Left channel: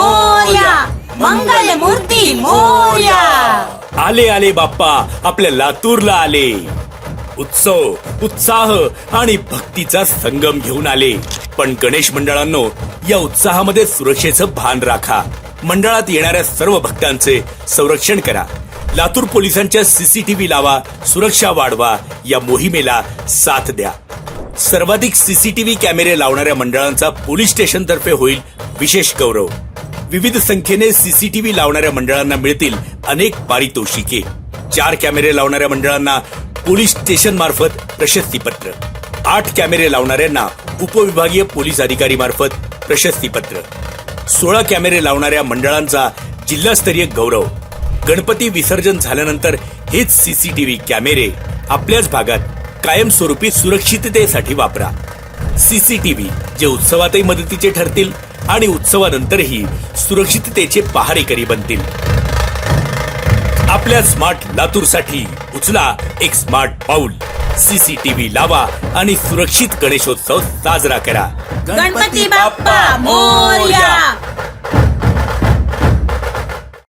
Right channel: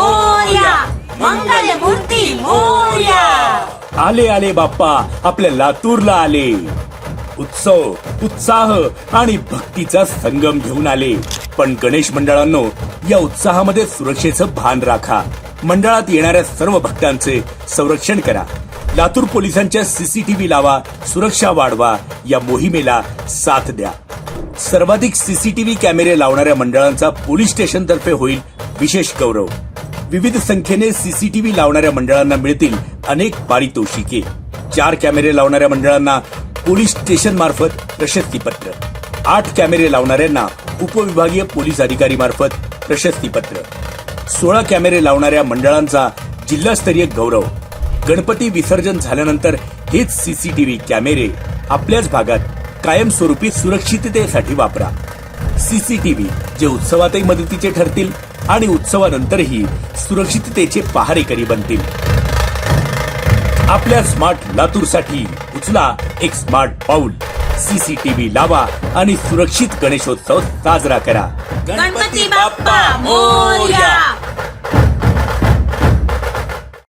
मोरया, मंगल मूर्ती मोरया. आले आले बाप्पा आपल्या लातूरला आले. उत्सव, उत्साह आणि भक्तीचा संगम घेऊन आले. पण गणेश मंडळांनो, या उत्साहामध्ये सुरक्षेचं भान राखा. मंडळात येणाऱ्या सर्व भक्तांचे संरक्षण करा. लातूर पोलिसांच्या सीसीटीव्ही लावा, सुरक्षा वाढवा. या मोहिमेला साथ द्या. सर्वाधिक सीसीटीव्ही कॅमेरे लावणाऱ्या मंडळांचा पोलीस स्टेशन तर्फे होईल विशेष गौरव. विविध संख्येने सीसीटीव्ही लावणाऱ्या मंडळांना मिळतील अनेक पारितोषिके. 4 कॅमेरे लावणाऱ्या मंडळांना पोलीस स्टेशन मार्फत प्रशस्तीपत्र, 8 कॅमेरे लावणाऱ्यांना उपविभागीय पोलीस अधिकारी मार्फत प्रशस्तीपत्र, 16 कॅमेरे लावणाऱ्या मंडळांचा जिल्हास्तरीय गौरव. गणपती विसर्जन झाल्यानंतर हेच सीसीटीव्ही कॅमेरे आपल्याच भागात कायमस्वरूपी सुरक्षिततेसाठी वापरा. सीसीटीव्ही जे उत्सवातही मदतीचे ठरतील आणि उत्सवानंतरही सुरक्षिततेचे पहारेकरी बनतील. आपल्या स्मार्ट लातूरसाठी उचला एक स्मार्ट पाऊल. सीसीटीव्ही लावा आणि सुरक्षित गणेशोत्सव साजरा करा. गणपती बाप्पा मोरया.